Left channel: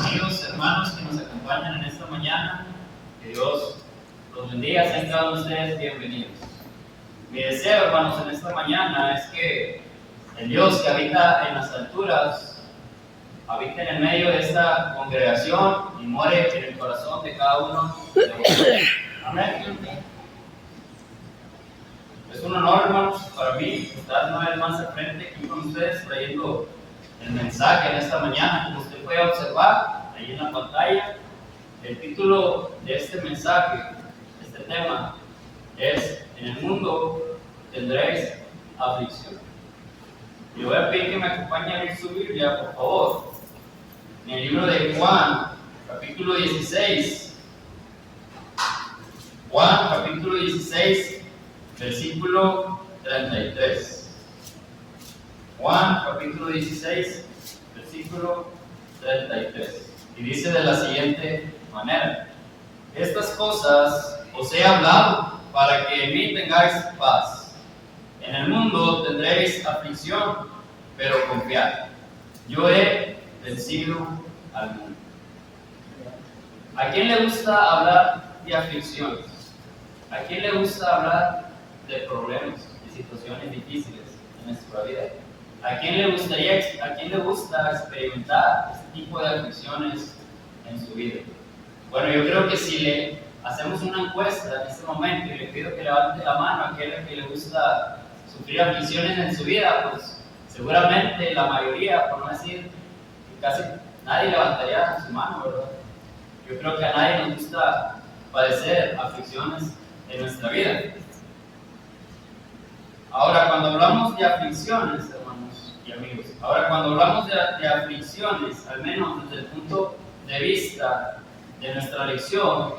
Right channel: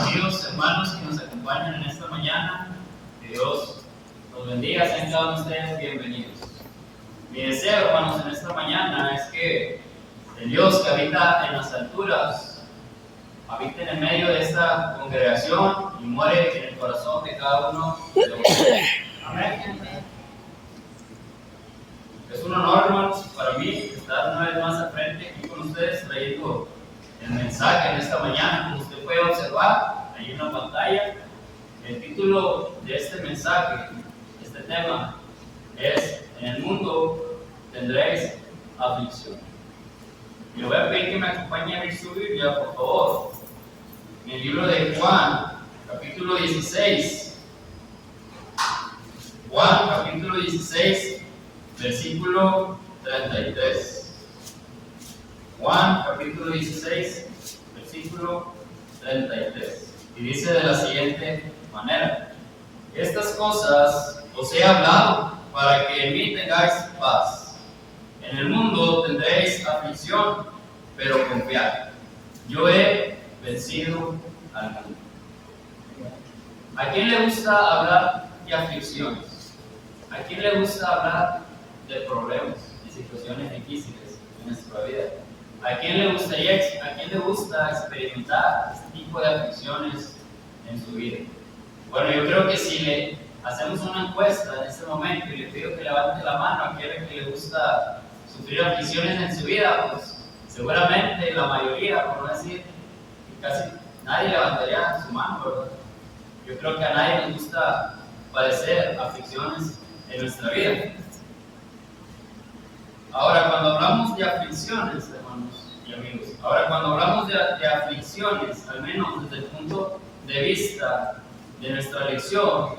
amigos, hermanos que nos acompañan en esta mañana. Que Dios los bendiga, sean cada uno de ustedes bienvenidos. Mi deseo, hermanos, en esta mañana es que el Dios que habita en las alturas habite en el medio de esta congregación y more en el corazón de cada uno de ustedes. Amén. Es un honor, hermanos, para mí estar una vez más al frente aquí con ustedes trayendo el mensaje en esta mañana. Como usted puede observar ahí en la pantalla, el título de este mensaje, este tema, es: en el mundo tendréis aflicción. Y le voy a pedir que me acompañe a abrir su Biblia, por favor, en el libro de Juan, capítulo 16. Juan, capítulo 16, versículo 33. Juan, capítulo 16, versículo 33. Y dice de la siguiente manera: estas cosas os he hablado para que en mí tengáis paz. En el mundo tendréis aflicción, pero confiad, yo he vencido al mundo. ¿A quién le gusta hablar de aflicciones? ¿A quién le gusta hablar de problemas y situaciones difíciles en nuestra vida? ¿A quién le gusta experimentar este tipo de aflicciones en su vida? Bueno, yo creo que si le hacemos una encuesta en este momento y le pido que levante la mano a aquel que le gusta sufrir aflicciones en su vida, pues seguramente la mayoría, por no decir que casi nadie levantaría su mano, ¿verdad? Yo creo que a nadie nos gusta padecer aflicciones en nuestra vida. Ahora, cuando hablamos de aflicciones, hermanos y amigos, de aflicciones, al menos desde el punto de vista de nuestra lección,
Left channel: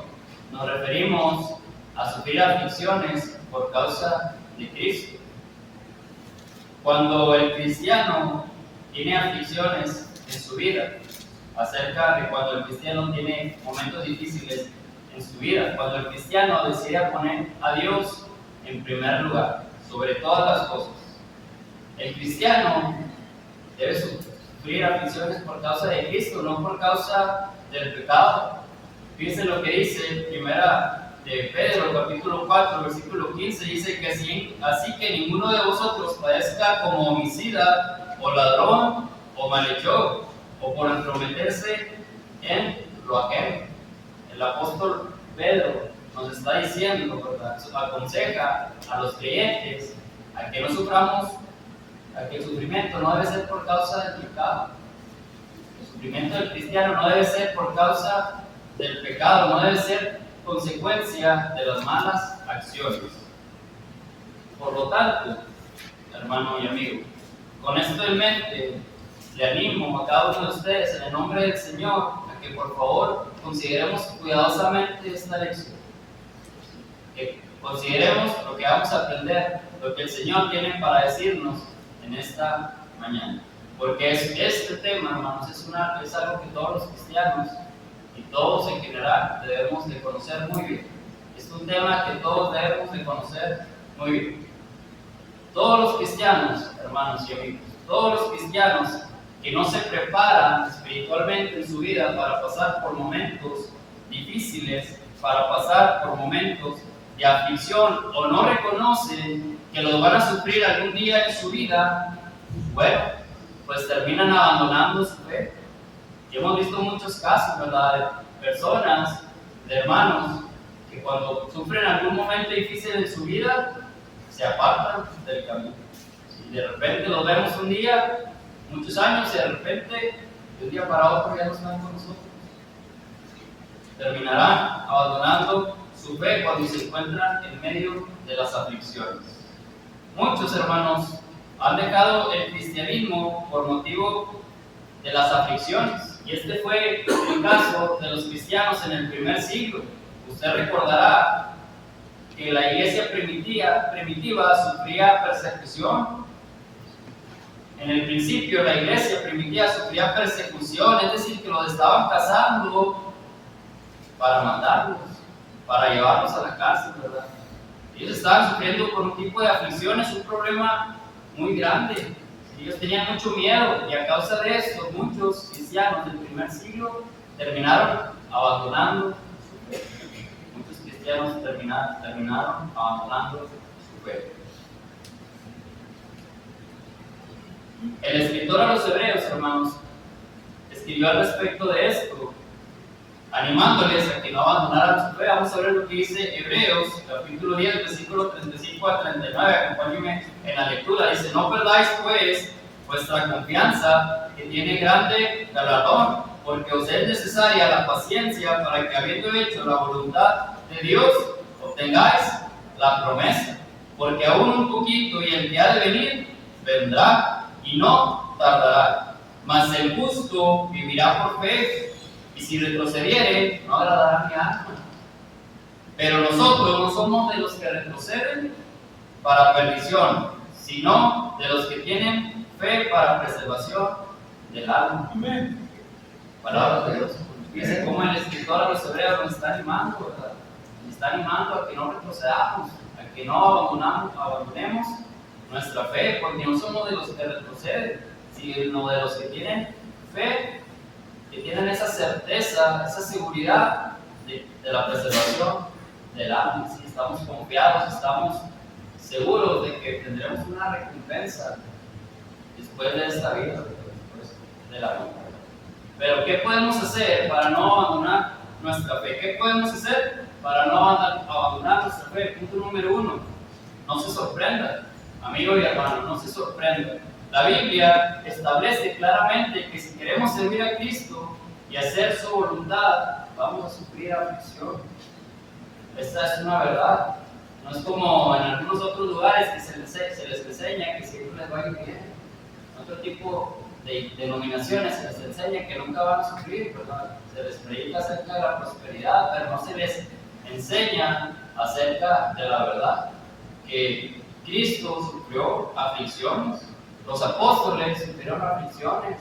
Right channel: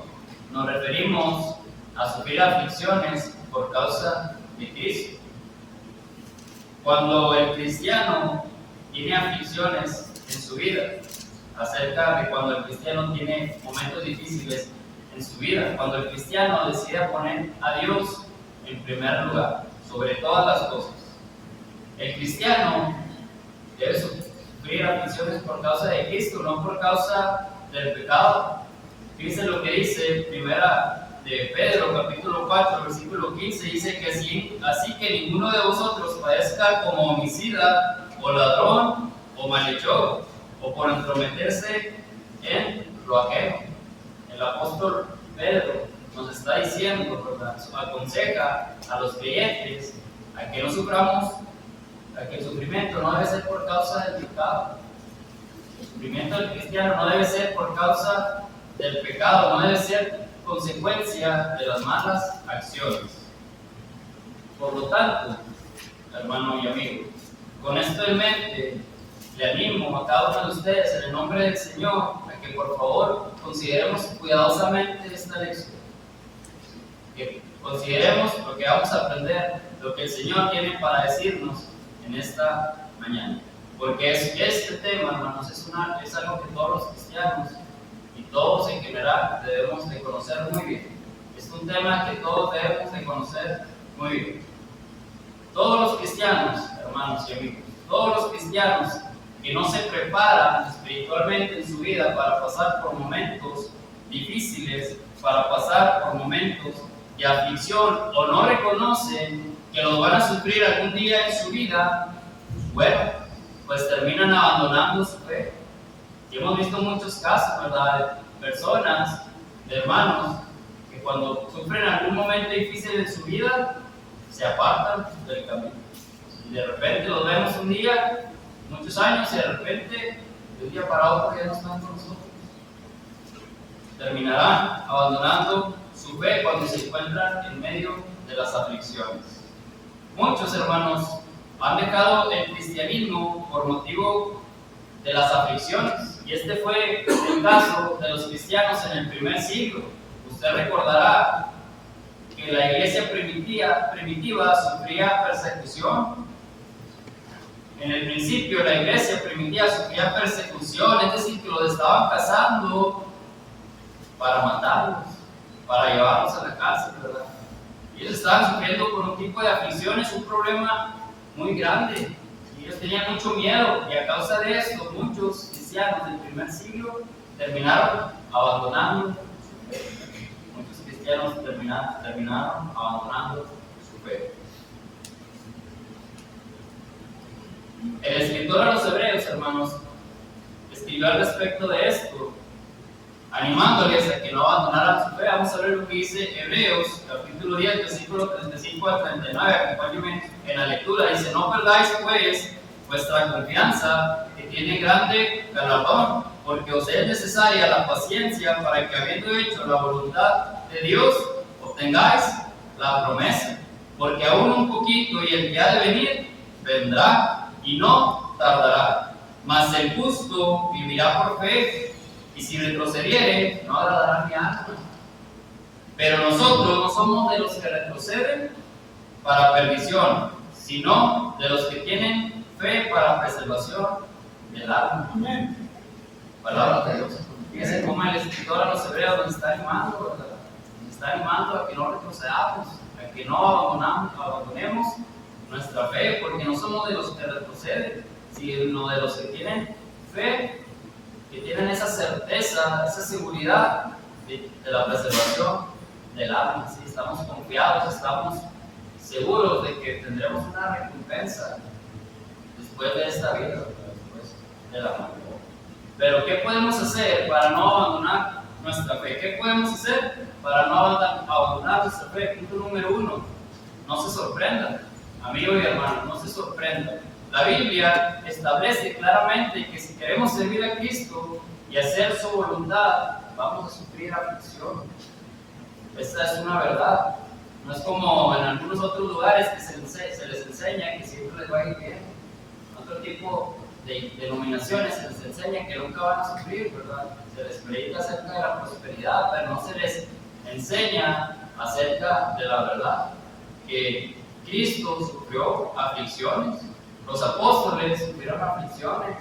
nos referimos a sufrir aflicciones por causa de Cristo. Cuando el cristiano tiene aflicciones en su vida, acerca de cuando el cristiano tiene momentos difíciles en su vida, cuando el cristiano decide poner a Dios en primer lugar sobre todas las cosas, el cristiano debe sufrir aflicciones por causa de Cristo, no por causa del pecado. Fíjense lo que dice Primera de Pedro, capítulo 4, versículo 15, dice que así que ninguno de vosotros padezca como homicida, o ladrón, o malhechor, o por entrometerse en lo ajeno. El apóstol Pedro nos está diciendo, ¿verdad?, aconseja a los creyentes a que no suframos, a que el sufrimiento no debe ser por causa del pecado. El sufrimiento del cristiano no debe ser por causa del pecado, no debe ser consecuencia de las malas acciones. Por lo tanto, hermano y amigo, con esto en mente, le animo a cada uno de ustedes, en el nombre del Señor, a que por favor consideremos cuidadosamente esta lección. Que consideremos lo que vamos a aprender, lo que el Señor tiene para decirnos en esta mañana. Porque este tema, hermanos, es algo que todos los cristianos y todos en general debemos de conocer muy bien. Es un tema que todos debemos de conocer muy bien. Todos los cristianos, hermanos y amigos, todos los cristianos que no se preparan espiritualmente en su vida para pasar por momentos difíciles, para pasar por momentos de aflicción, o no reconocen que los van a sufrir algún día en su vida, bueno, pues terminan abandonando su fe. Y hemos visto muchos casos, ¿verdad?, de personas, de hermanos, que cuando sufren algún momento difícil en su vida, se apartan del camino. Y de repente los vemos un día, muchos años, y de repente, de un día para otro ya no están con nosotros. Terminarán abandonando su fe cuando se encuentran en medio de las aflicciones. Muchos hermanos han dejado el cristianismo por motivo de las aflicciones, y este fue el caso de los cristianos en el primer siglo. Usted recordará que la iglesia primitiva sufría persecución. En el principio la iglesia primitiva sufría persecución, es decir, que los estaban cazando para matarlos, para llevarlos a la cárcel, ¿verdad? Ellos estaban sufriendo por un tipo de aflicciones, un problema muy grande. Ellos tenían mucho miedo y a causa de esto muchos cristianos del primer siglo terminaron abandonando su fe. Muchos cristianos terminaron abandonando su fe. El escritor a los hebreos, hermanos, escribió al respecto de esto, animándoles a que no abandonaran su fe. Vamos a ver lo que dice Hebreos, capítulo 10, versículo 35 a 39. Acompáñenme en la lectura. Dice: no perdáis pues vuestra confianza, que tiene grande galardón, porque os es necesaria la paciencia para que, habiendo hecho la voluntad de Dios, obtengáis la promesa. Porque aún un poquito, y el que ha de venir vendrá y no tardará. Mas el justo vivirá por fe, y si retrocediere, no agradará mi alma. Pero nosotros no somos de los que retroceden para perdición, sino de los que tienen fe para preservación del alma. Amén. Palabra de Dios. Fíjense cómo el escritor a los hebreos nos está animando, ¿verdad? Nos está animando a que no retrocedamos, a que no abandonemos nuestra fe, porque no somos de los que retroceden, sino de los que tienen fe, que tienen esa certeza, esa seguridad de la preservación del alma. ¿Sí? Estamos confiados, estamos seguros de que tendremos una recompensa después de esta vida, después de la muerte. Pero ¿qué podemos hacer para no abandonar nuestra fe? ¿Qué podemos hacer para no abandonar nuestra fe? Punto número 1, no se sorprenda, amigo y hermano, no se sorprenda. La Biblia establece claramente que si queremos servir a Cristo y hacer su voluntad, vamos a sufrir aflicción. Esta es una verdad. No es como en algunos otros lugares que se les enseña que siempre les va a ir bien. En otro tipo de denominaciones se les enseña que nunca van a sufrir, ¿verdad? Se les predica acerca de la prosperidad, pero no se les enseña acerca de la verdad, que Cristo sufrió aflicciones. Los apóstoles sufrieron aflicciones.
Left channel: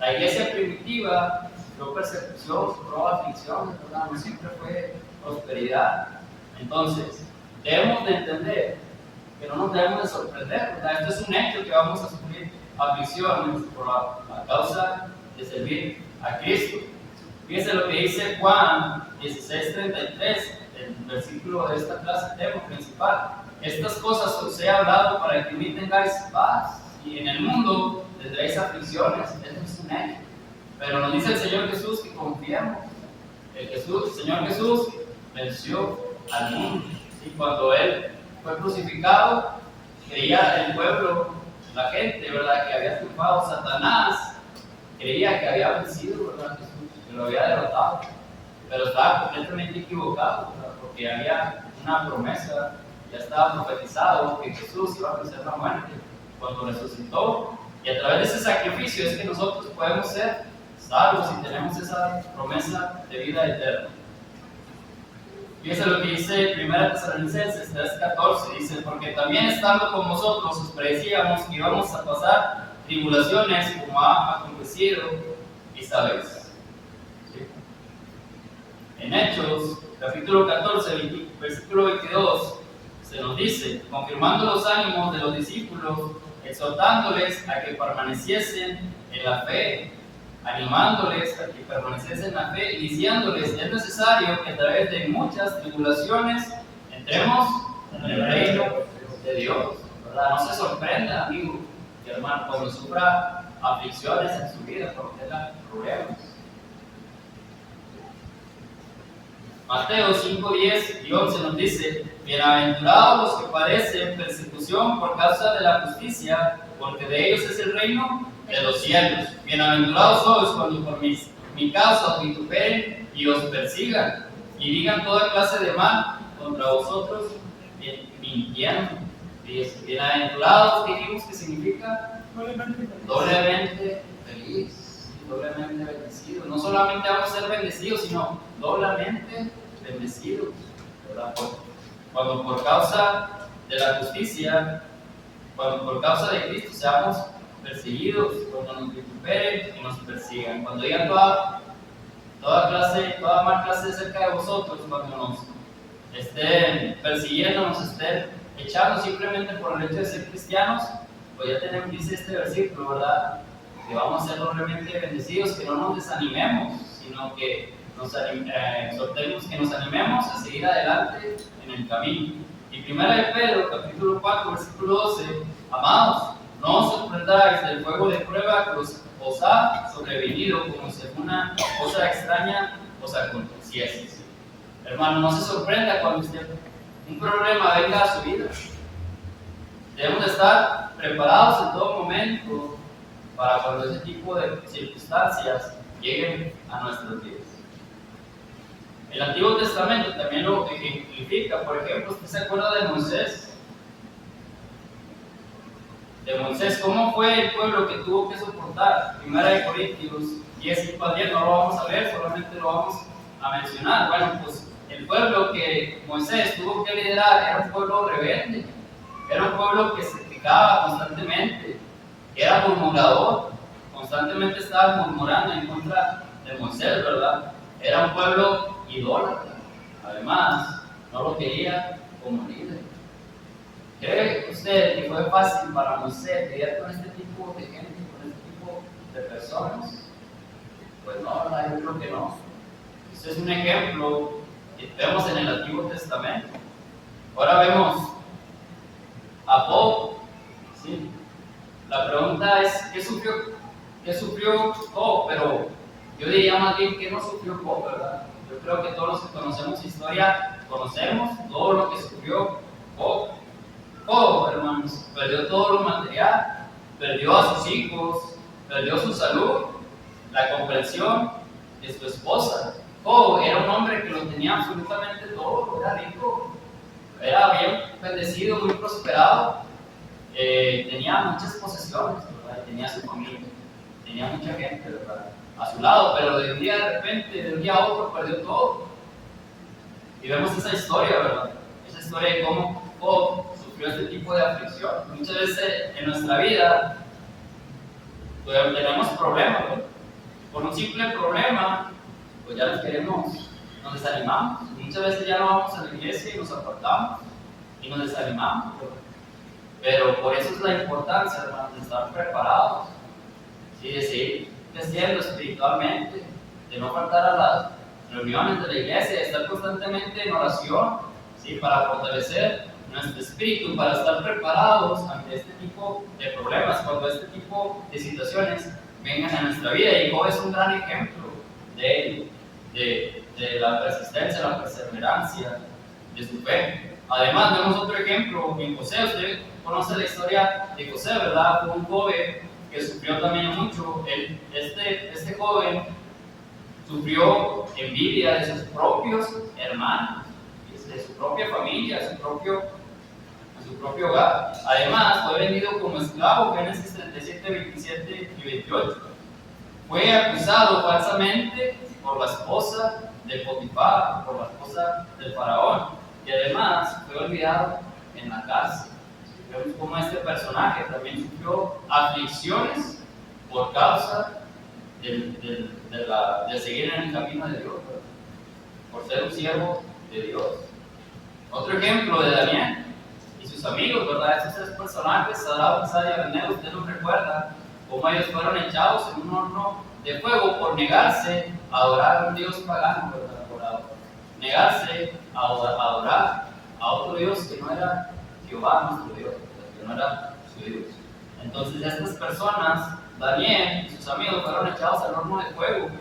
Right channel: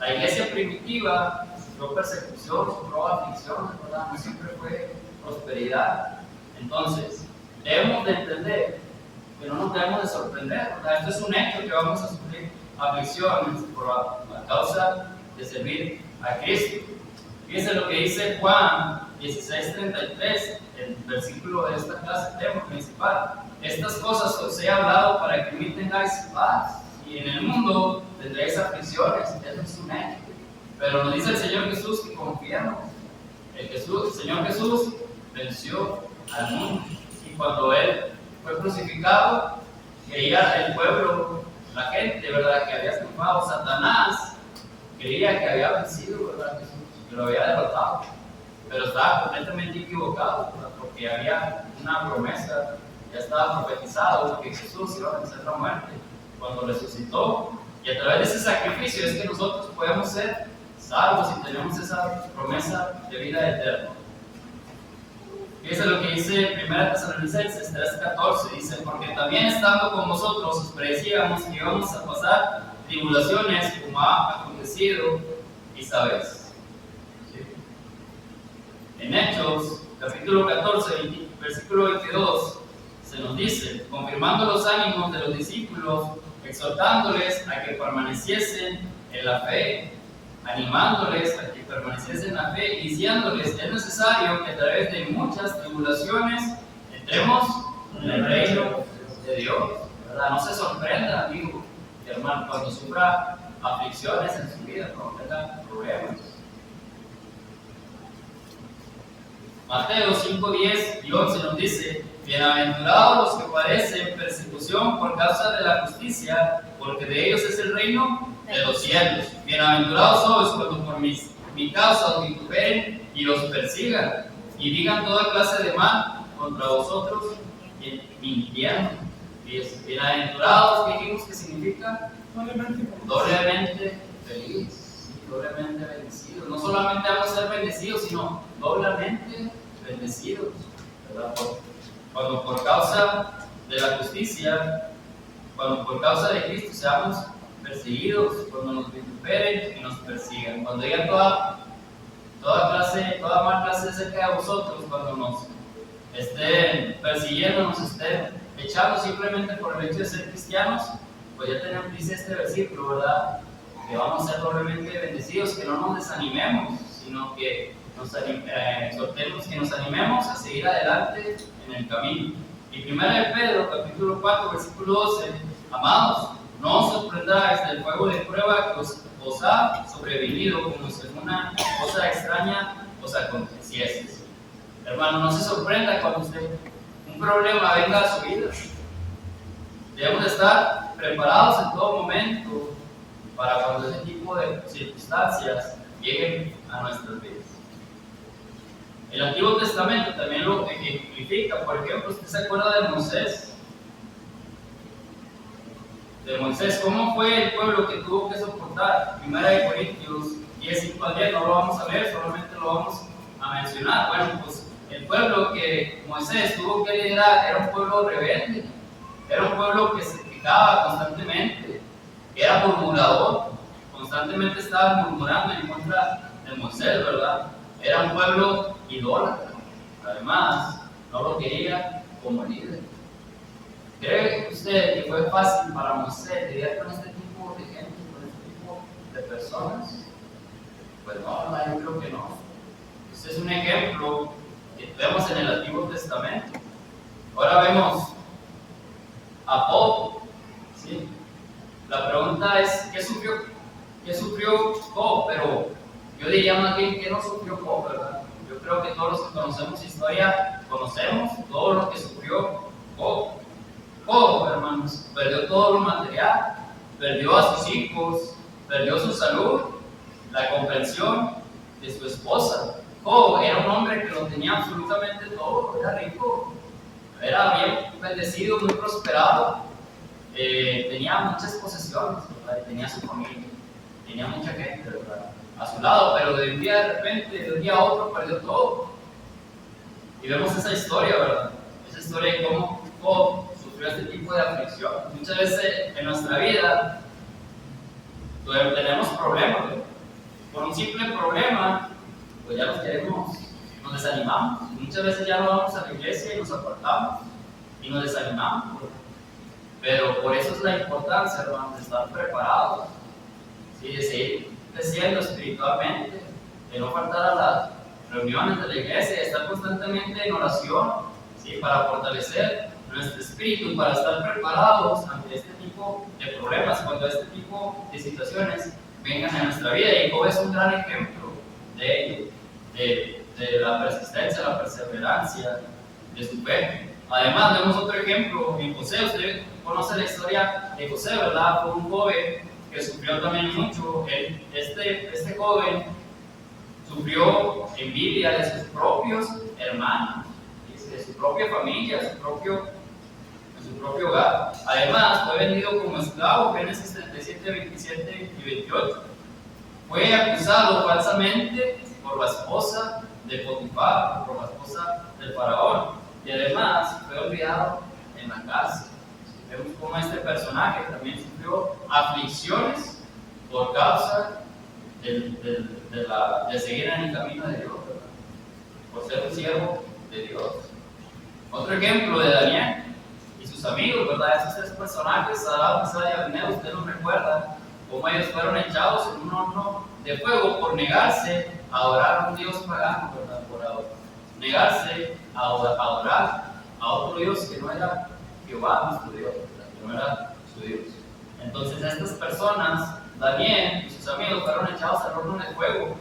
La iglesia primitiva sufrió persecución, sufrió aflicciones, ¿verdad? No siempre fue prosperidad. Entonces, debemos de entender que no nos debemos de sorprender, ¿verdad? Esto es un hecho, que vamos a sufrir aflicciones por la causa de servir a Cristo. Fíjense lo que dice Juan 16:33, el versículo de esta clase, tema principal. Estas cosas os he hablado para que en mí tengáis paz. Y en el mundo tendréis aflicciones, eso es un hecho. Pero nos dice el Señor Jesús que confiemos. El Señor Jesús venció al mundo. Y cuando Él fue crucificado, creía el pueblo, la gente, ¿verdad?, que había triunfado. Satanás creía que había vencido, ¿verdad?, Jesús, que lo había derrotado. Pero estaba completamente equivocado, ¿verdad?, porque había una promesa, ya estaba profetizado que Jesús iba a vencer la muerte cuando resucitó, y a través de ese sacrificio es que nosotros podemos ser salvos y tenemos esa promesa de vida eterna. Fíjense lo que dice 1 Tesalonicenses 3:14, dice: porque también estando con vosotros os predecíamos que íbamos a pasar tribulaciones, como ha acontecido y sabéis. ¿Sí? En Hechos capítulo 14, versículo 22, se nos dice, confirmando los ánimos de los discípulos, exhortándoles a que permaneciesen en la fe, animándoles a que permaneciesen en la fe y diciéndoles: es necesario que a través de muchas tribulaciones entremos en el reino de Dios, ¿verdad? No se sorprenda, amigo y hermano, cuando sufra aflicciones en su vida, cuando tenga problemas. Mateo 5:10 y 11 nos dice: bienaventurados los que padecen persecución por causa de la justicia, porque de ellos es el reino de los cielos. Bienaventurados sois cuando por mi causa os vituperen y os persigan, y digan toda clase de mal contra vosotros, mintiendo. Bienaventurados, ¿qué dijimos que significa? Doblemente feliz, doblemente bendecido. No solamente vamos a ser bendecidos, sino doblemente bendecidos, ¿verdad? Cuando por causa de la justicia, cuando por causa de Cristo seamos perseguidos, cuando nos vituperen y nos persigan, cuando digan toda mal clase acerca de vosotros, cuando nos estén persiguiendo, nos estén echando simplemente por el hecho de ser cristianos, pues ya tenemos, dice este versículo, ¿verdad? Que vamos a ser doblemente bendecidos, que no nos desanimemos, sino que exhortemos, que nos animemos a seguir adelante en el camino. Y 1 de Pedro, capítulo 4, versículo 12, amados, no os sorprendáis del fuego de prueba que os ha sobrevenido como si alguna cosa extraña os aconteciese. Hermano, no se sorprenda cuando un problema venga a su vida. Debemos de estar preparados en todo momento para cuando ese tipo de circunstancias lleguen a nuestras vidas. El Antiguo Testamento también lo ejemplifica. Por ejemplo, ¿usted se acuerda de Moisés? ¿Cómo fue el pueblo que tuvo que soportar? 1 Corintios 10, 5 al 10, no lo vamos a leer, solamente lo vamos a mencionar. Bueno, pues el pueblo que Moisés tuvo que liderar era un pueblo rebelde, era un pueblo que se quejaba constantemente, era murmurador, constantemente estaba murmurando en contra de Moisés, ¿verdad? Era un pueblo idólatra, además, no lo quería como líder. ¿Cree usted que fue fácil para Moisés lidiar con este tipo de gente, con este tipo de personas? Pues no, ¿verdad? Yo creo que no. Este es un ejemplo que vemos en el Antiguo Testamento. Ahora vemos a Job, ¿sí? La pregunta es, ¿qué sufrió Job? Pero yo diría más bien que no sufrió Job, ¿verdad? Yo creo que todos los que conocemos historia, conocemos todo lo que sufrió Job. Job, hermanos, perdió todo lo material, perdió a sus hijos, perdió su salud, la comprensión de su esposa. Job era un hombre que lo tenía absolutamente todo, era rico, era bien bendecido, muy prosperado, tenía muchas posesiones, ¿verdad? Tenía su familia, tenía mucha gente, ¿verdad?, a su lado, pero de un día de repente, de un día a otro, perdió todo. Y vemos esa historia, ¿verdad? Esa historia de cómo Job sufrió este tipo de aflicción. Muchas veces en nuestra vida tenemos problemas, ¿verdad? Por un simple problema, pues ya nos desanimamos. Muchas veces ya no vamos a la iglesia y nos apartamos y nos desanimamos, ¿verdad? Pero por eso es la importancia, hermanos, de estar preparados, ¿sí? De seguir creciendo espiritualmente, de no faltar a las reuniones de la iglesia, de estar constantemente en oración, ¿sí? Para fortalecer nuestro espíritu, para estar preparados ante este tipo de problemas, cuando este tipo de situaciones vengan a nuestra vida. Y Job es un gran ejemplo de ello, de la persistencia, la perseverancia de su fe. Además, vemos otro ejemplo en José. Usted conoce la historia de José, ¿verdad? Fue un joven que sufrió también mucho. Este joven sufrió envidia de sus propios hermanos, de su propia familia, de su propio hogar. Además, fue vendido como esclavo, Génesis 37, 27 y 28. Fue acusado falsamente por la esposa de Potifar, por la esposa del faraón, y además fue olvidado en la cárcel. Vemos cómo este personaje también sufrió aflicciones por causa de seguir en el camino de Dios, ¿verdad? Por ser un siervo de Dios. Otro ejemplo de Daniel y sus amigos, ¿verdad? Esos tres personajes, Sadrach, Mesach y Abednego, usted los recuerda, cómo ellos fueron echados en un horno de fuego por negarse a adorar a un Dios pagano, ¿verdad? Por negarse a adorar a otro Dios que no era Jehová, nuestro Dios, ¿verdad? Que no era su Dios. Entonces estas personas, Daniel y sus amigos, fueron echados al horno de fuego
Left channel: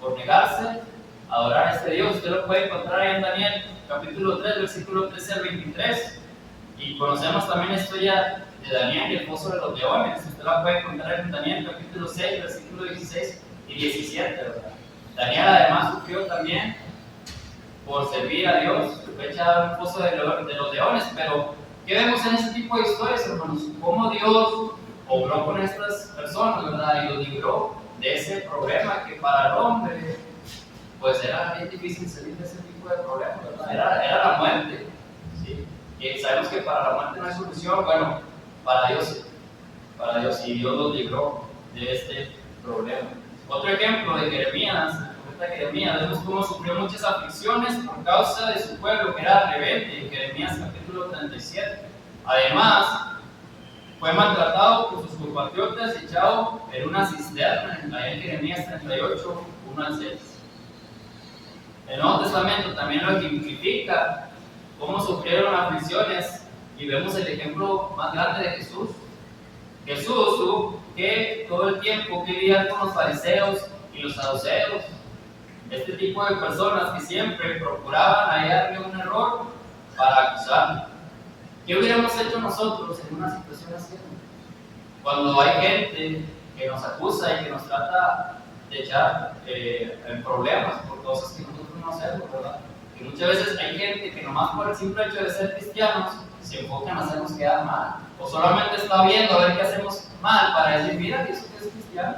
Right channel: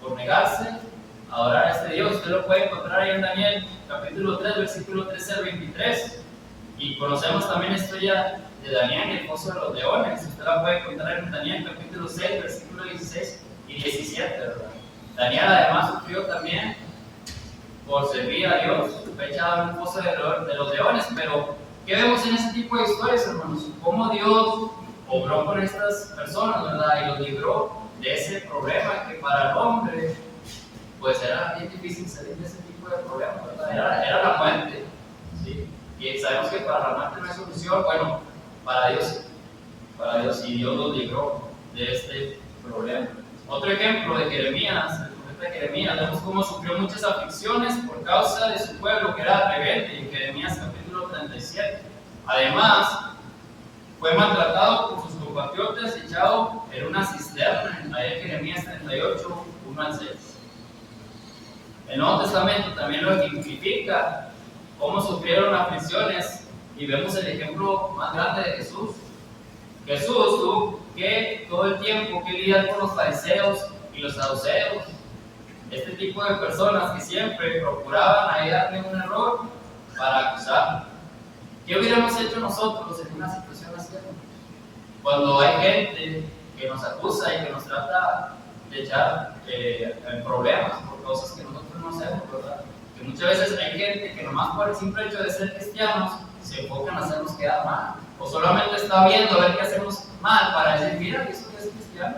por negarse a adorar a este Dios. Usted lo puede encontrar ahí en Daniel capítulo 3, versículo 13 al 23. Y conocemos también la historia de Daniel y el pozo de los leones. Usted la puede encontrar en Daniel capítulo 6, versículo 16 y 17, ¿verdad? Daniel además sufrió también por servir a Dios, fue echado en un pozo de los leones. Pero ¿qué vemos en este tipo de historias, hermanos? Cómo Dios obró con estas personas, ¿verdad? Y los libró de ese problema que para el hombre pues era bien difícil salir de ese tipo de problemas, ¿verdad? Era la muerte, ¿sí? Y sabemos que para la muerte no hay solución. Bueno, para Dios, y Dios los libró de este problema. Otro ejemplo de Jeremías, el profeta Jeremías, vemos cómo sufrió muchas aflicciones por causa de su pueblo que era rebelde, en Jeremías capítulo 37. Además, fue maltratado por sus compatriotas y echado en una cisterna, ahí en Jeremías 38, 1 al 6. El Nuevo Testamento también lo ejemplifica, cómo sufrieron aflicciones, y vemos el ejemplo más grande de Jesús. Jesús tuvo que todo el tiempo que lidiar con los fariseos y los saduceos, este tipo de personas que siempre procuraban hallarle un error para acusarlo. ¿Qué hubiéramos hecho nosotros en una situación así? Cuando hay gente que nos acusa y que nos trata de echar en problemas por cosas que nosotros no hacemos, ¿verdad? Que muchas veces hay gente que nomás por el simple hecho de ser cristianos se enfocan en hacernos quedar mal, o solamente está viendo a ver qué hacemos mal para decir, mira, ¿y eso qué es cristiano?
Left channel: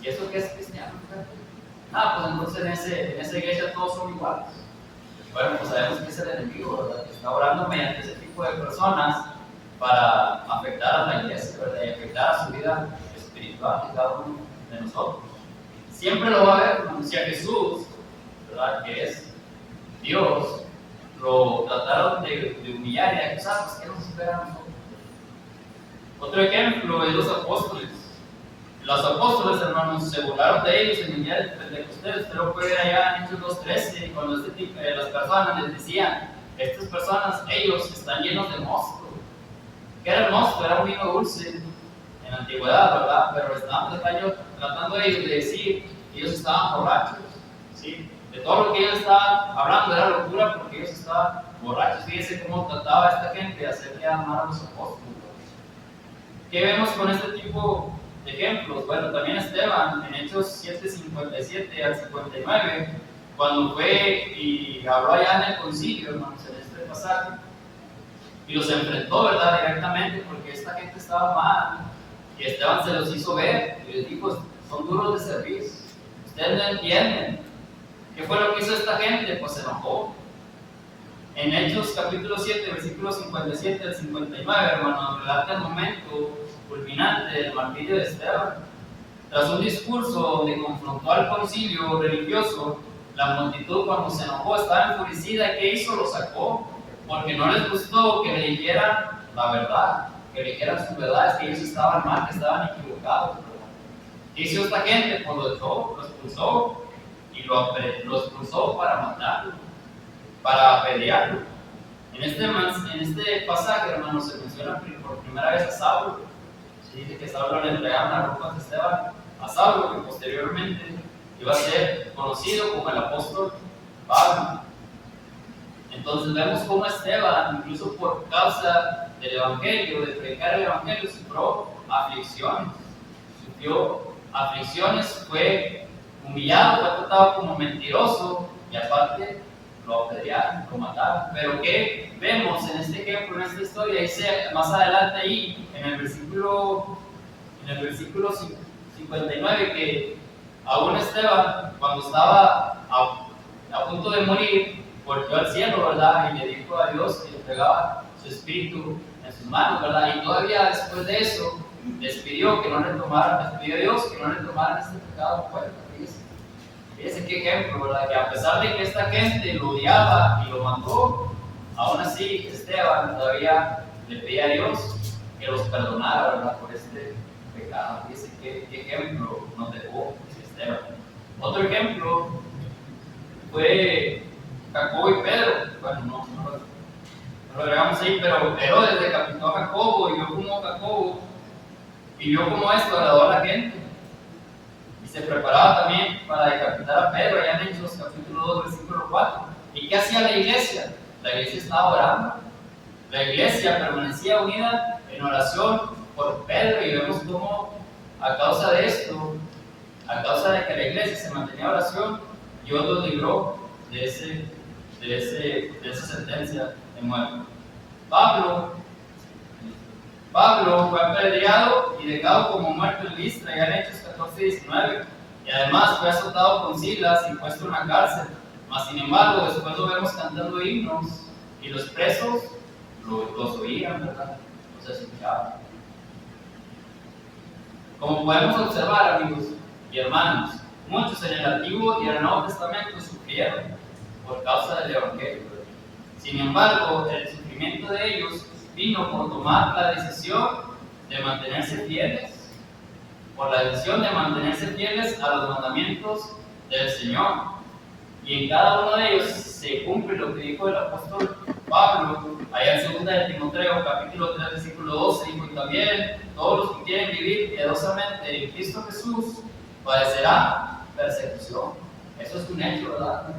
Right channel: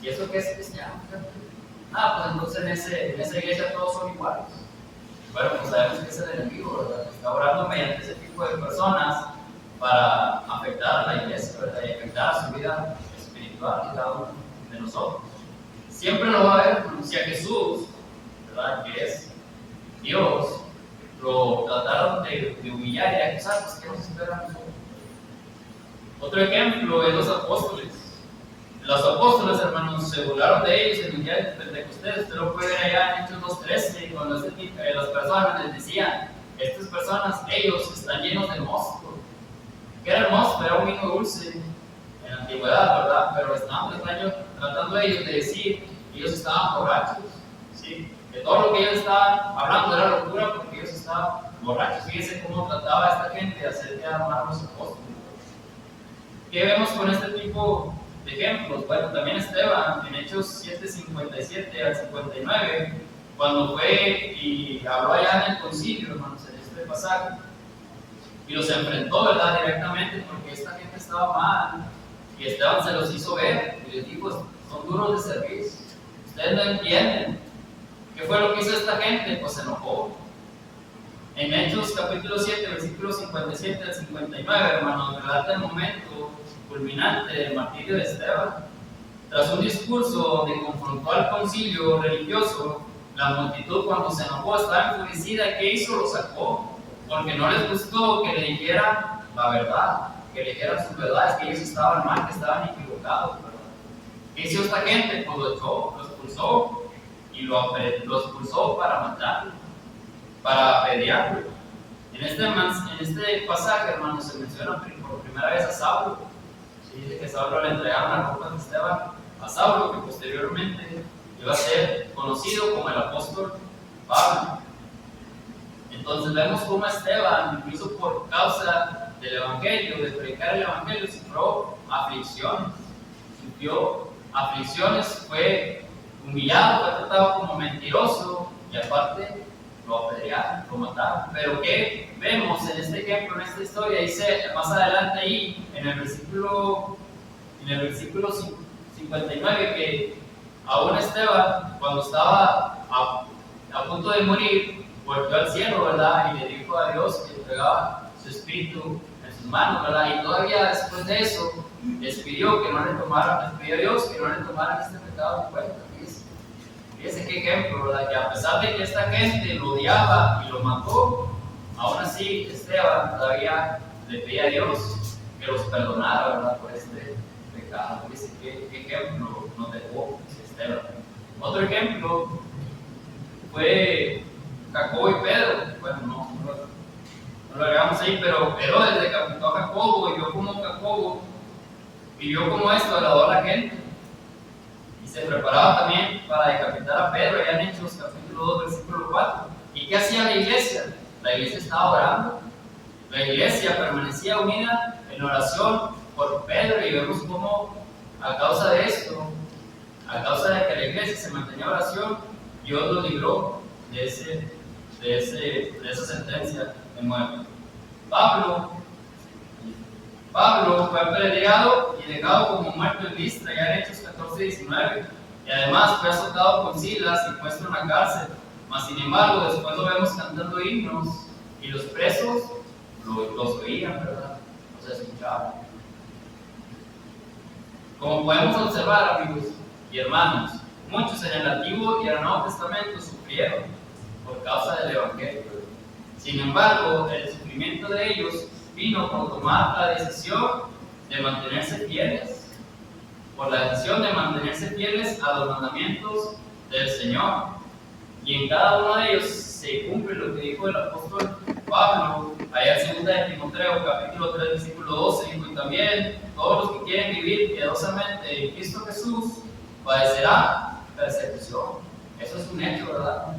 ¿Y eso qué es cristiano? Pues entonces en esa iglesia todos son iguales. Bueno, pues sabemos que es el enemigo, ¿verdad? Que está orando mediante ese tipo de personas para afectar a la iglesia, ¿verdad? Y afectar a su vida espiritual de cada uno de nosotros. Siempre lo va a haber, si a Jesús, ¿verdad? Que es Dios, lo trataron de humillar y de acusar, pues ¿qué nos espera a nosotros? Otro ejemplo es los apóstoles. Los apóstoles, hermanos, se burlaron de ellos en el día de Pentecostés. Usted lo puede ver allá en Hechos 2:13, cuando las personas les decían, estas personas, ellos están llenos de mosto. ¿Qué era el mosto? Era un vino dulce en la antigüedad, ¿verdad? Pero estaban tratando ellos de decir que ellos estaban borrachos, ¿sí? Que todo lo que ellos estaban hablando era locura porque ellos estaban borrachos. Fíjense cómo trataba esta gente de hacer quedar mal a los apóstoles. ¿Qué vemos con este tipo de ejemplos? Bueno, también Esteban, en Hechos 7:57 al 59, cuando fue y habló allá en el concilio, hermanos, en este pasaje, y los enfrentó, ¿verdad?, directamente, porque esta gente estaba mal, y Esteban se los hizo ver, y les dijo, son duros de servicio, ustedes no entienden. ¿Qué fue lo que hizo esta gente? Pues se enojó. En Hechos capítulo 7, versículos 57 al 59, hermanos, relata el momento culminante del martirio de Esteban. Tras un discurso donde confrontó al concilio religioso, la multitud, cuando se enojó, estaba enfurecida. ¿Qué hizo? Lo sacó, porque no les gustó que le dijeran la verdad, que le dijeran sus verdades, que ellos estaban mal, que estaban equivocados, ¿verdad? ¿Qué hizo esta gente? Pues lo echó, lo expulsó, y lo expulsó para matarlo, para apedrearlo. En este pasaje, hermanos, se menciona por primera vez a Saulo. Se dice que Saulo le entregaron la ropa de Esteban a Saulo, que posteriormente iba a ser conocido como el apóstol Pablo. Entonces vemos cómo Esteban, incluso por causa del evangelio, de predicar el evangelio, sufrió aflicciones, fue humillado, fue tratado como mentiroso, y aparte lo apedrearon, lo mataron. Pero ¿qué vemos en este ejemplo, en esta historia? Dice más adelante ahí, en el versículo 59, que aún Esteban, cuando estaba a punto de morir, volvió al cielo, ¿verdad? Y le dijo a Dios que entregaba su espíritu en sus manos, ¿verdad? Y todavía después de eso, despidió a Dios que no le tomaran este pecado en cuenta. Fíjense qué ejemplo, ¿verdad? Que a pesar de que esta gente lo odiaba y lo mató, aún así Esteban todavía le pedía a Dios que los perdonara, ¿verdad?, por este pecado. Fíjense qué ejemplo nos dejó Esteban. Otro ejemplo fue Jacobo y Pedro. Bueno, no lo agregamos ahí, pero Herodes decapitó a Jacobo y vio cómo esto agradó a la gente. Se preparaba también para decapitar a Pedro, allá en Hechos capítulo 2, versículo 4. ¿Y qué hacía la iglesia? La iglesia estaba orando. La iglesia permanecía unida en oración por Pedro, y vemos cómo a causa de esto, a causa de que la iglesia se mantenía en oración, Dios los libró de esa sentencia de muerte. Pablo fue apedreado y dejado como muerto en Listra, ya en Hechos 14:19, y además fue azotado con Silas y puesto en la cárcel. Mas sin embargo, después lo vemos cantando himnos, y los presos los oían, ¿verdad? Los escuchaban. Como podemos observar, amigos y hermanos, muchos en el Antiguo y en el Nuevo Testamento sufrieron por causa del Evangelio. Sin embargo, el sufrimiento de ellos vino por tomar la decisión de mantenerse fieles, por la decisión de mantenerse fieles a los mandamientos del Señor. Y en cada uno de ellos se cumple lo que dijo el apóstol Pablo, allá en 2 de Timoteo, capítulo 3, versículo 12, dijo: y también todos los que quieren vivir piadosamente en Cristo Jesús padecerán persecución. Eso es un hecho, ¿verdad?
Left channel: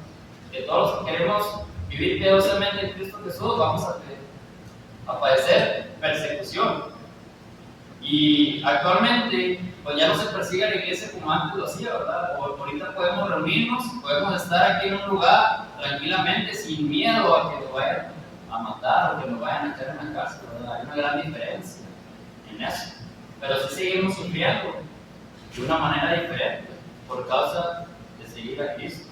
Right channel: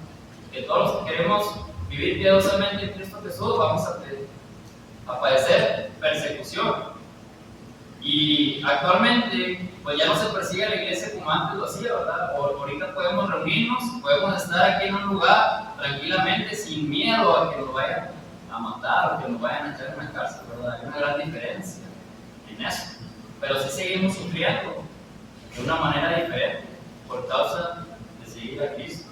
Que todos los que queremos vivir piadosamente en Cristo Jesús vamos a padecer persecución. Y actualmente, pues ya no se persigue a la iglesia como antes lo hacía, ¿verdad? Ahorita podemos reunirnos, podemos estar aquí en un lugar tranquilamente, sin miedo a que nos vayan a matar o que nos vayan a echar en la cárcel, ¿verdad? Hay una gran diferencia en eso. Pero sí seguimos sufriendo de una manera diferente por causa de seguir a Cristo.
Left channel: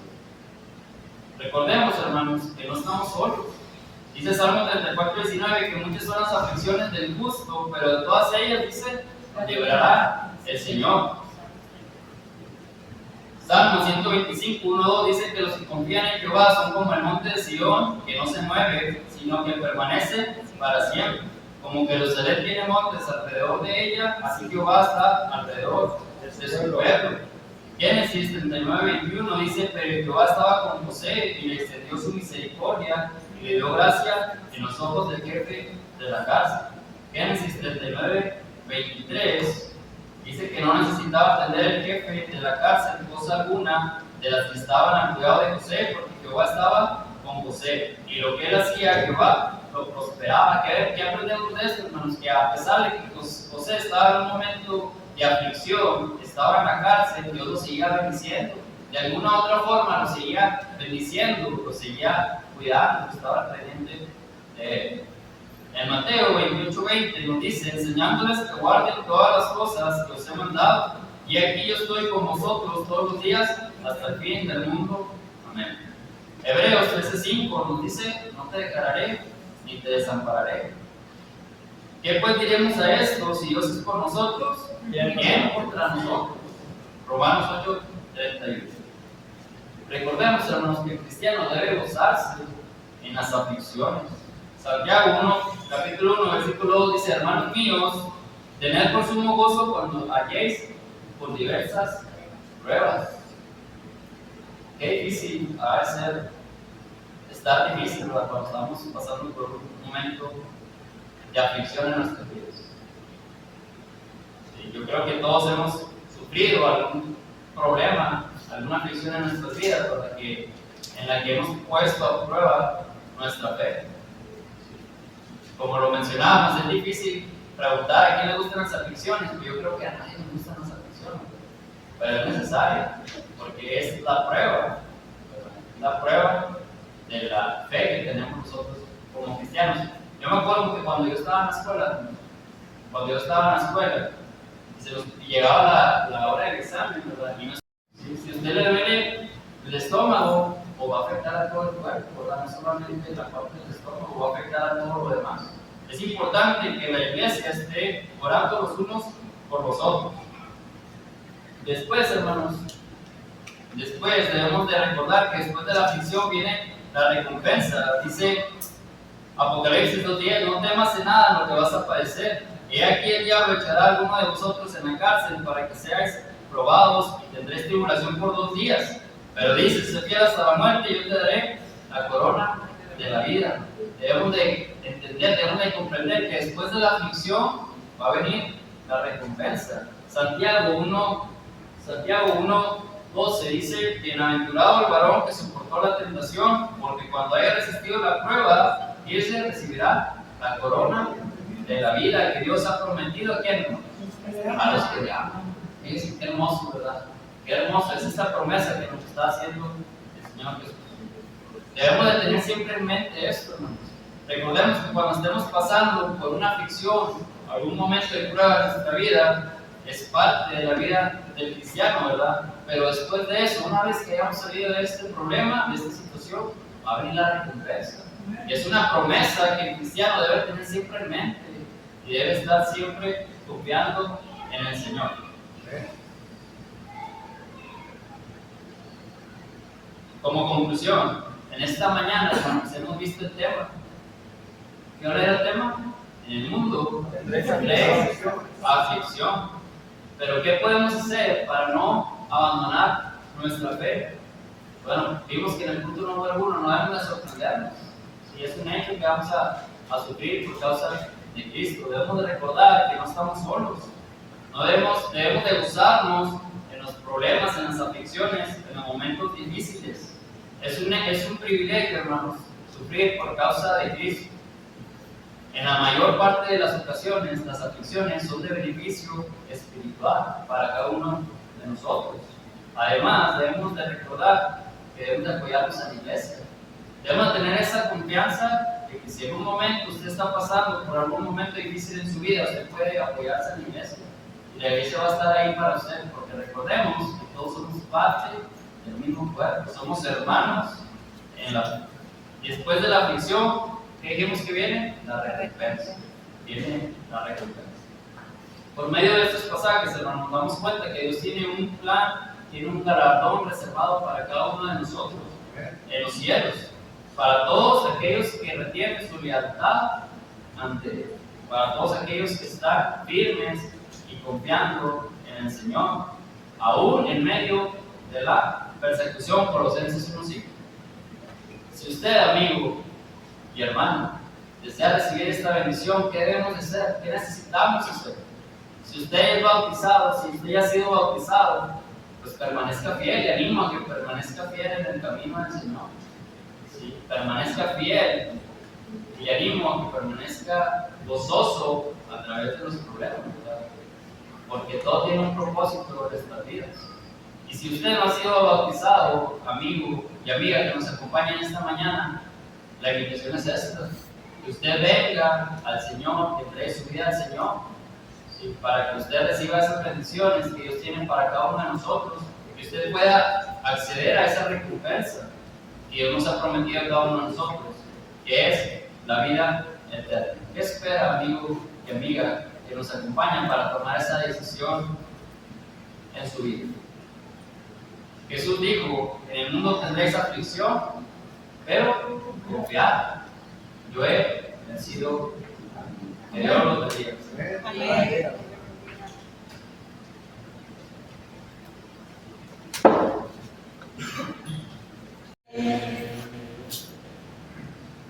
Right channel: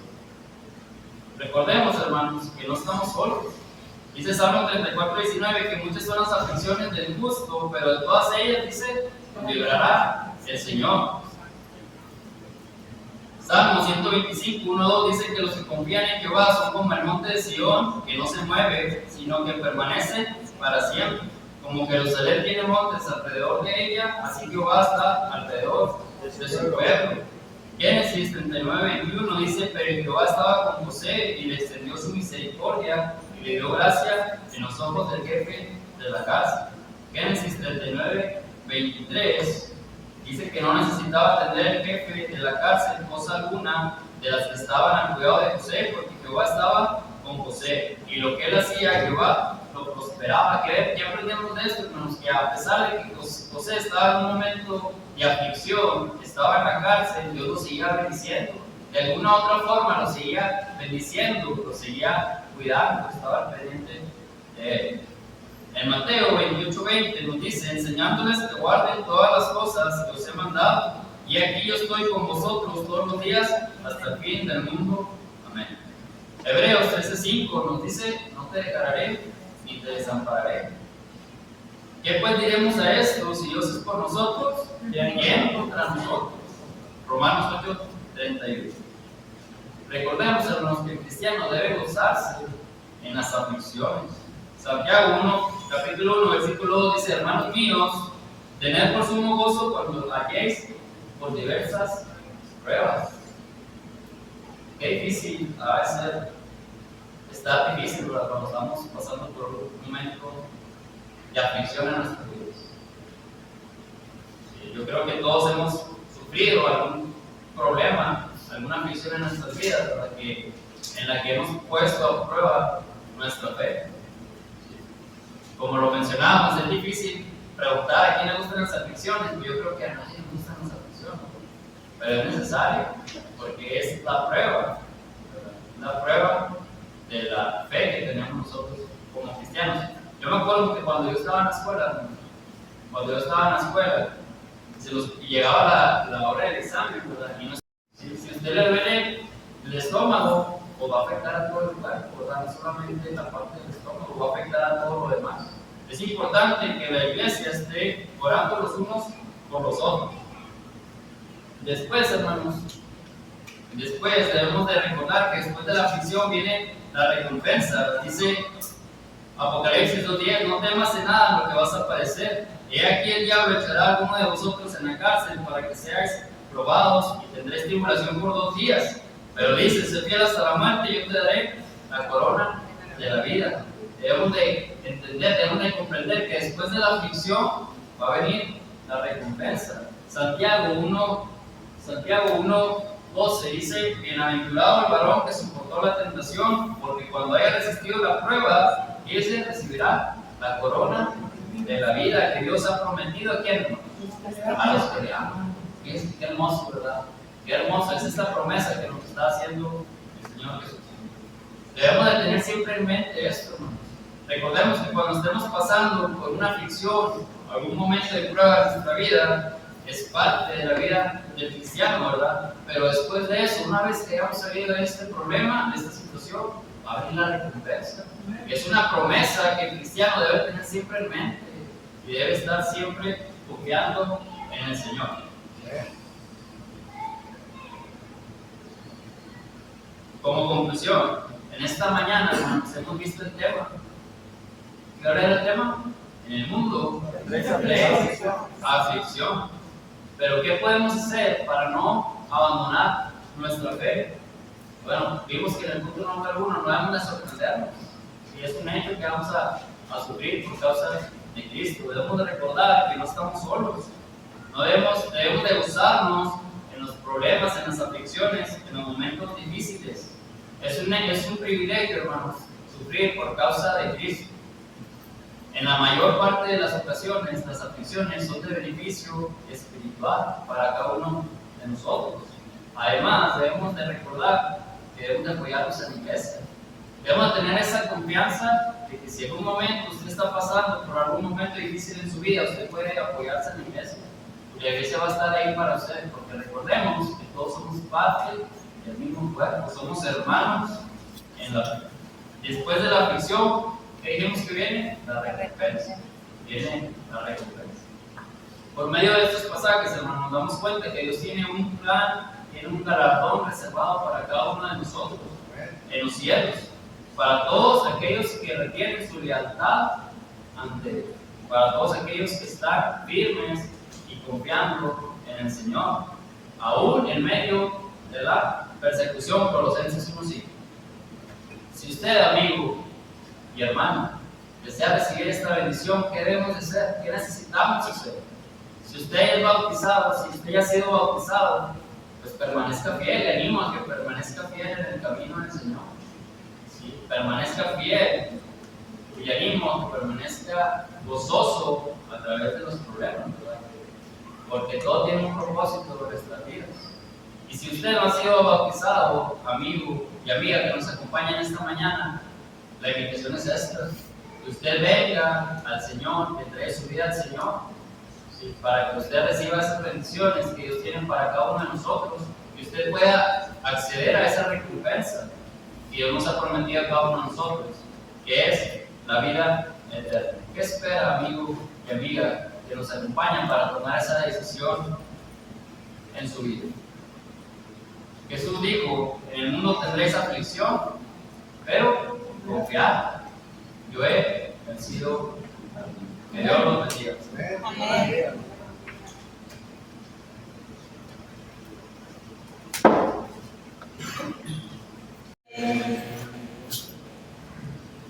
Recordemos, hermanos, que no estamos solos. Dice Salmo 34:19 que muchas son las aflicciones del justo, pero de todas ellas, dice, librará el Señor. Salmo 125:1-2 dice que los que confían en Jehová son como el monte de Sión, que no se mueve, sino que permanece para siempre. Como Jerusalén tiene montes alrededor de ella, así Jehová está alrededor de su pueblo. Génesis 39:21 dice: pero Jehová estaba con José y le extendió su misericordia y le dio gracia en los ojos del jefe de la casa. Génesis 39:23 dice que no necesitaba atender el jefe de la cárcel cosa alguna de las que estaban al cuidado de José, porque Jehová estaba con José, y lo que él hacía, Jehová lo prosperaba. ¿Qué aprendemos de esto, hermanos? Que a pesar de que José estaba en un momento de aflicción, estaba en la cárcel, Dios lo seguía bendiciendo. De alguna u otra forma lo seguía bendiciendo, lo seguía cuidando, estaba pendiente de él. En Mateo 28:20 nos dice: enseñándoles que guarden todas las cosas que os he mandado, y aquí yo estoy con vosotros todos los días hasta el fin del mundo. Amén. Hebreos 13:5 nos dice: no te dejaré ni te desampararé. ¿Qué pues diremos a esto? Si Dios es por nosotros, ¿quién contra nosotros? Romanos 8:31. Recordemos, hermanos, que el cristiano debe gozarse en las aflicciones. Santiago 1, capítulo 1, versículo 2 dice: hermanos míos, tened por sumo gozo cuando halléis por diversas pruebas. Qué difícil ha de ser, está difícil, ¿verdad?, cuando estamos pasando por un momento de aflicción en nuestras vidas. Sí, yo creo que todos hemos sufrido algún problema, alguna aflicción en nuestras vidas, ¿verdad?, en la que hemos puesto a prueba nuestra fe. Como lo mencionábamos, es difícil preguntar a quién le gustan las aflicciones, pero yo creo que a nadie le gustan las aflicciones, pero es necesario, porque es la prueba, de la fe que tenemos nosotros como cristianos. Yo me acuerdo que cuando yo estaba en la escuela, llegaba la hora del examen, ¿verdad? Y si usted le duele el estómago, o va a afectar a todo el cuerpo, ¿verdad? No solamente la parte del estómago, va a afectar a todo lo demás. Es importante que la iglesia esté orando los unos por los otros. Después, hermanos, debemos de recordar que después de la aflicción viene la recompensa. Dice Apocalipsis 2:10: no temas en nada lo que vas a padecer. He aquí el diablo echará a alguno de vosotros en la cárcel para que seáis probados, y tendréis tribulación por 2 días. Pero dice: sé fiel hasta la muerte, y yo te daré la corona de la vida. Debemos de entender, debemos de comprender que después de la aflicción va a venir la recompensa. Santiago 1:12 dice: bienaventurado el varón que soportó la tentación, porque cuando haya resistido la prueba, ese recibirá la corona de la vida que Dios ha prometido. ¿A quién? A los que le aman. Qué hermoso, ¿verdad? Qué hermoso, esa es la promesa que nos está haciendo el Señor Jesús. Debemos de tener siempre en mente esto, hermanos. Recordemos que cuando estemos pasando por una aflicción, algún momento de prueba en nuestra vida, es parte de la vida del cristiano, ¿verdad? Pero después de eso, una vez que hayamos salido de este problema, de esta situación, va a venir la recompensa. Y es una promesa que el cristiano debe tener siempre en mente y debe estar siempre confiando en el Señor. Como conclusión, en esta mañana, hermanos, hemos visto el tema. ¿Qué hora era el tema? en el mundo tendréis aflicción. Pero ¿qué podemos hacer para no abandonar nuestra fe? Bueno, vimos que en el punto número 1 no debemos de sorprendernos. Si es un hecho que vamos a sufrir por causa de Cristo, debemos de recordar que no estamos solos. No debemos de gozarnos en los problemas, en las aflicciones, en los momentos difíciles. Es un privilegio, hermanos, sufrir por causa de Cristo. En la mayor parte de las ocasiones, las aflicciones son de beneficio espiritual para cada uno de nosotros. Además, debemos de recordar que debemos de apoyarnos a la iglesia. Debemos de tener esa confianza de que si en un momento usted está pasando por algún momento difícil en su vida, usted puede apoyarse en la iglesia. Y la iglesia va a estar ahí para usted, porque recordemos que todos somos parte del mismo cuerpo, somos hermanos en la vida. Después de la aflicción, ¿qué dijimos que viene? La recompensa. Viene la recompensa. Por medio de estos pasajes, hermanos, nos damos cuenta que Dios tiene un plan, tiene un galardón reservado para cada uno de nosotros en los cielos, para todos aquellos que retienen su lealtad ante Él, para todos aquellos que están firmes y confiando en el Señor, aún en medio de la persecución. Colosenses 1:5. Si usted, amigo y hermano, desea recibir esta bendición, ¿qué debemos de hacer? ¿Qué necesitamos hacer? Si usted es bautizado, si usted ya ha sido bautizado, pues permanezca fiel. Le animo a que permanezca fiel en el camino del Señor. ¿Sí? Permanezca fiel. Y le animo a que permanezca gozoso a través de los problemas, ¿verdad? Porque todo tiene un propósito en nuestras vidas. Y si usted no ha sido bautizado, amigo y amiga que nos acompaña en esta mañana, la invitación es esta: que usted venga al Señor, que entregue su vida al Señor, ¿sí? Para que usted reciba esas bendiciones que Dios tiene para cada uno de nosotros, que usted pueda acceder a esa recompensa que Dios nos ha prometido a cada uno de nosotros, que es la vida eterna. ¿Qué espera, amigo y amiga que nos acompañan para tomar esa decisión en su vida? Jesús dijo: en el mundo tendréis aflicción, pero confiad, yo he vencido. Que Dios los bendiga. Amén.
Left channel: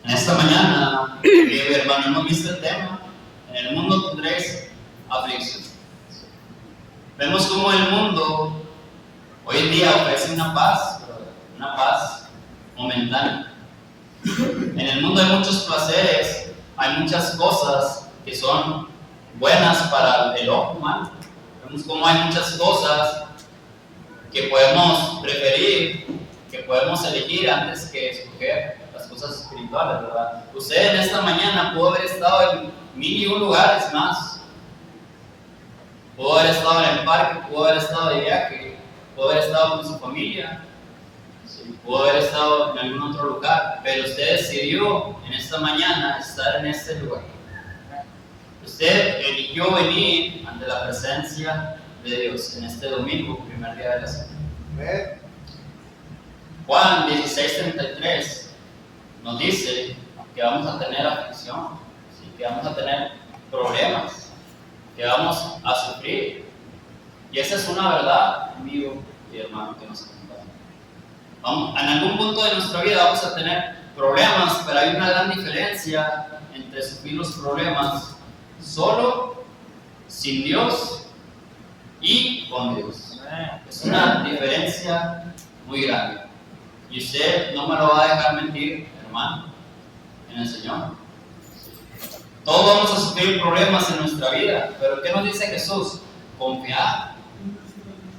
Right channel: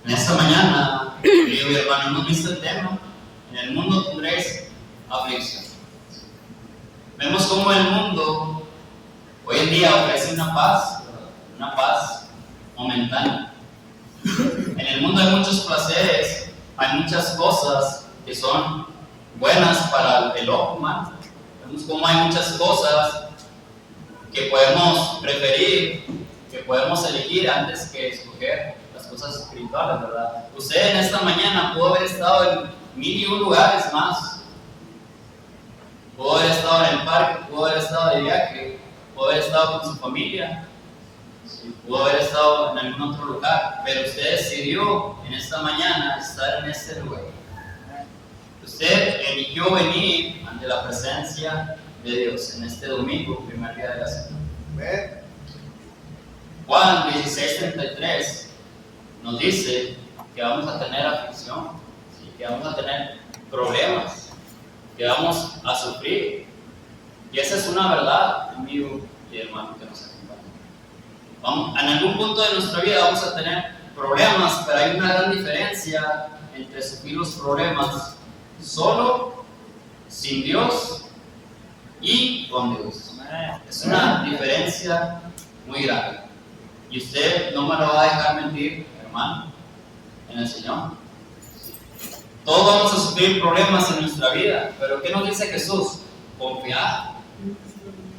En esta mañana, querido hermano, hemos visto el tema: en el mundo tendréis aflicción. Vemos cómo el mundo hoy en día ofrece una paz momentánea. En el mundo hay muchos placeres, hay muchas cosas que son buenas para el ojo humano. Vemos cómo hay muchas cosas que podemos preferir, que podemos elegir antes que escoger las cosas espirituales, ¿verdad? Usted en esta mañana pudo haber estado en 1001 lugares más. Pudo haber estado en el parque, pudo haber estado de viaje, pudo haber estado con su familia, sí, pudo haber estado en algún otro lugar, pero usted decidió en esta mañana estar en este lugar. Usted eligió venir ante la presencia de Dios en este domingo, primer día de la semana. Juan 16:33 nos dice que vamos a tener aflicción, ¿sí? Que vamos a tener problemas, que vamos a sufrir. Y esa es una verdad, amigo y hermano que nos acompaña. En algún punto de nuestra vida vamos a tener problemas, pero hay una gran diferencia entre sufrir los problemas solo, sin Dios y con Dios. Es una diferencia muy grande. Y usted no me lo va a dejar mentir, hermano, en el Señor. Todos vamos a sufrir problemas en nuestra vida, pero ¿qué nos dice Jesús? Confiar.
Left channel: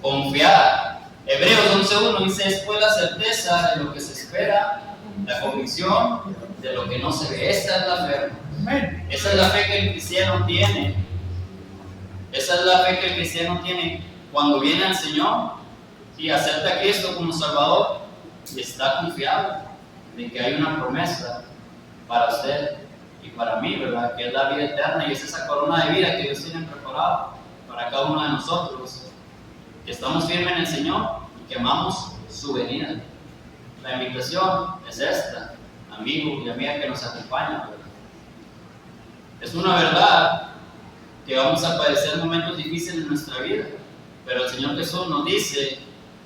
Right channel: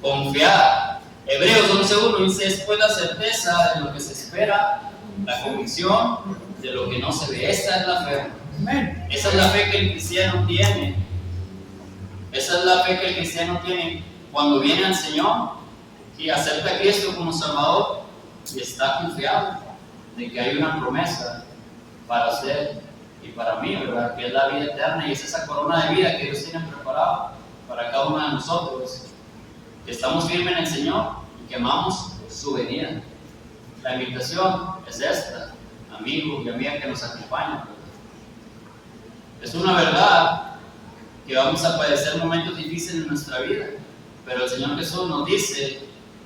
Confiar. Hebreos 11:1 dice: después la certeza de lo que se espera, la convicción de lo que no se ve. Esa es la fe. Esa es la fe que el cristiano tiene. Esa es la fe que el cristiano tiene cuando viene al Señor y acepta a Cristo como Salvador y está confiado de que hay una promesa para usted y para mí, ¿verdad? Que es la vida eterna, y es esa corona de vida que Dios tiene preparada para cada uno de nosotros, que estamos firmes en el Señor y que amamos su venida. La invitación es esta, amigo y amiga que nos acompañan, ¿verdad? Es una verdad que vamos a padecer momentos difíciles en nuestra vida, pero el Señor Jesús nos dice,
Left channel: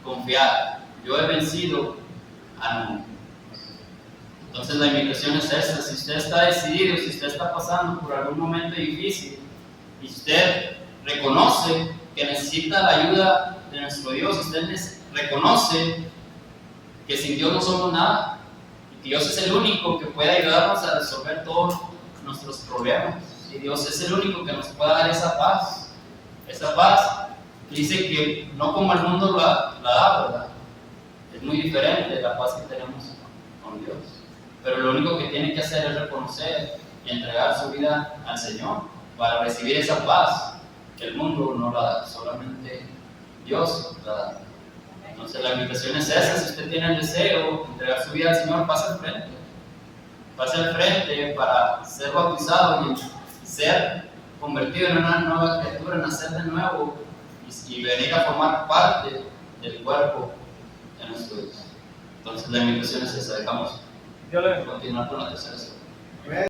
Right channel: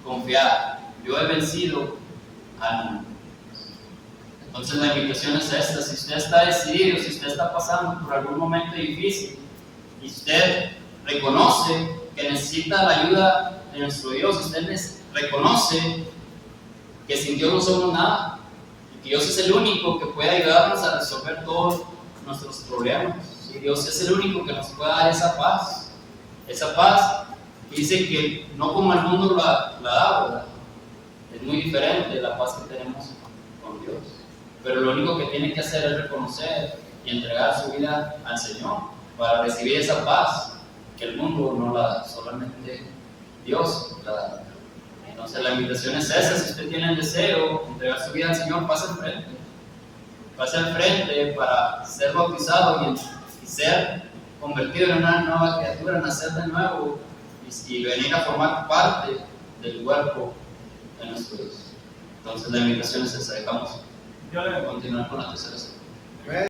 confiad, yo he vencido al mundo. Entonces la invitación es esta: si usted está decidido, si usted está pasando por algún momento difícil y usted reconoce que necesita la ayuda de nuestro Dios, si usted reconoce que sin Dios no somos nada y que Dios es el único que puede ayudarnos a resolver todos nuestros problemas, y Dios es el único que nos puede dar esa paz que dice que no como el mundo la da, ¿verdad? Es muy diferente la paz que tenemos con Dios. Pero lo único que tiene que hacer es reconocer y entregar su vida al Señor para recibir esa paz que el mundo no la da, solamente Dios la da. Entonces la invitación es esa: si usted tiene el deseo de entregar su vida al Señor, pase al frente para ser bautizado y ser convertido en una nueva criatura, nacer de nuevo y venir a formar parte del cuerpo de nuestro Dios. Entonces la invitación es esa. Dejamos continuar con la tercera.